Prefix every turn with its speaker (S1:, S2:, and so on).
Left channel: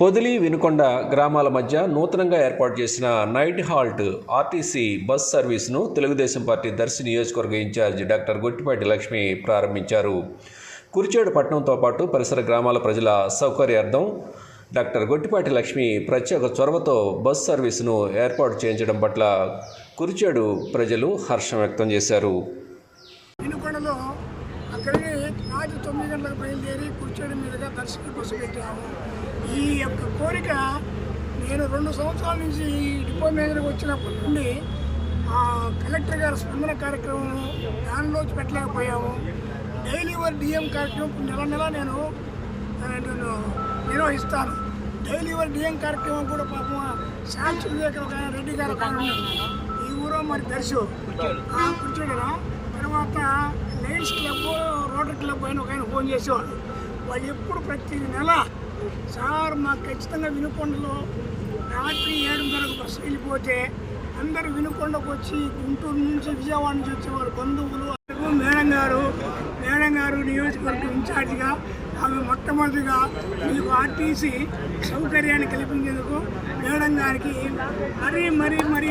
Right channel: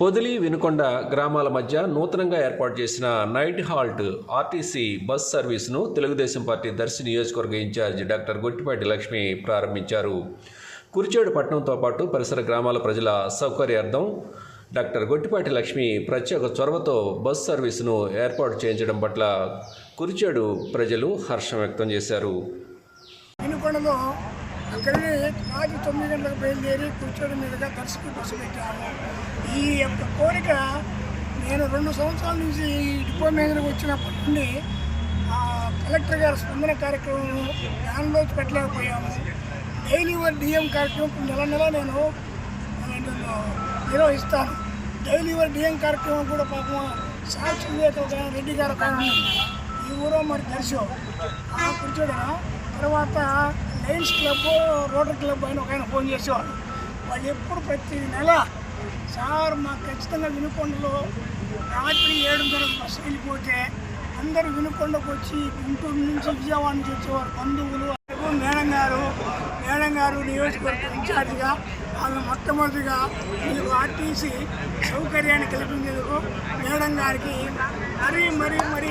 S1: పొదిలి వినుకొండ గ్రామాల మధ్య నూతనంగా ఏర్పాటు చేసిన నైట్ హాల్ట్ ఆర్టీసీ బస్ సర్వీసును తెలుగుదేశం పార్టీ దర్శి నియోజకవర్గ ఇన్ఛార్జ్ డాక్టర్ గొట్టిపాటి లక్ష్మి ప్రారంభించారు. కురిచేడు పట్టణంతో పాటు పరిసర గ్రామాల ప్రజల సౌకర్యార్థం డాక్టర్ గొట్టిపాటి లక్ష్మి ప్రత్యేక చొరవతో బస్ సర్వీసును ఏర్పాటు చేయించడం పట్ల కురిచేడు ప్రజలు హర్షం వ్యక్తం చేశారు.
S2: వినుకొండలో అక్కడికి రాత్రి తొమ్మిది గంటలకు బయలుదేరి కూర్చొని మీదుగా దర్శకి బస్సు పెట్టాము. ఈ యొక్క కోరిక నేను రెండు సంవత్సరాల నుంచి ఈ డిపో మీదకి వచ్చినప్పటి నుండి ఆ కలెక్టర్ గారి స్పందన కార్యక్రమం దానిలో పెట్టలేకపోయాము. డైలీ వర్ డిఎం కార్యక్రమం నెల నెల నేను నిర్వహిస్తాను. డైలీ వర్ డిఎం కార్యక్రమం కూడా పాపం శాంతి వివేక్ ఒక రెడ్డి గారు ఒక ఆయన ఈ ఊరో మరి దర్శో ఆ కూర్చోడరా తర్వాత లయన్స్ క్లబ్ రోటరీ క్లబ్ అని ఒక ఆయన ఫోన్ చేసేవాడు. వాళ్ళు ఎప్పుడు ప్రతి నెల సార్ మాకు ఖచ్చితంగా వినుకొండలో రాత్రి ఏడున్నరకు బస్సు వెళ్ళిపోతే అందరూ వినుకొండకు వచ్చి గుంటూరు నుంచి విజయవాడ నుంచి వచ్చేవారు. బంధువులు మేడం గారు మేడం గారు నియోజకవర్గం ఇన్ఛార్జిగా ఆమె మొట్టమొదటిగా మీకు ఆర్టీసీ సౌకర్యాన్ని కల్పించేందుకు మేడం గారికి మరీ మరీ మరీ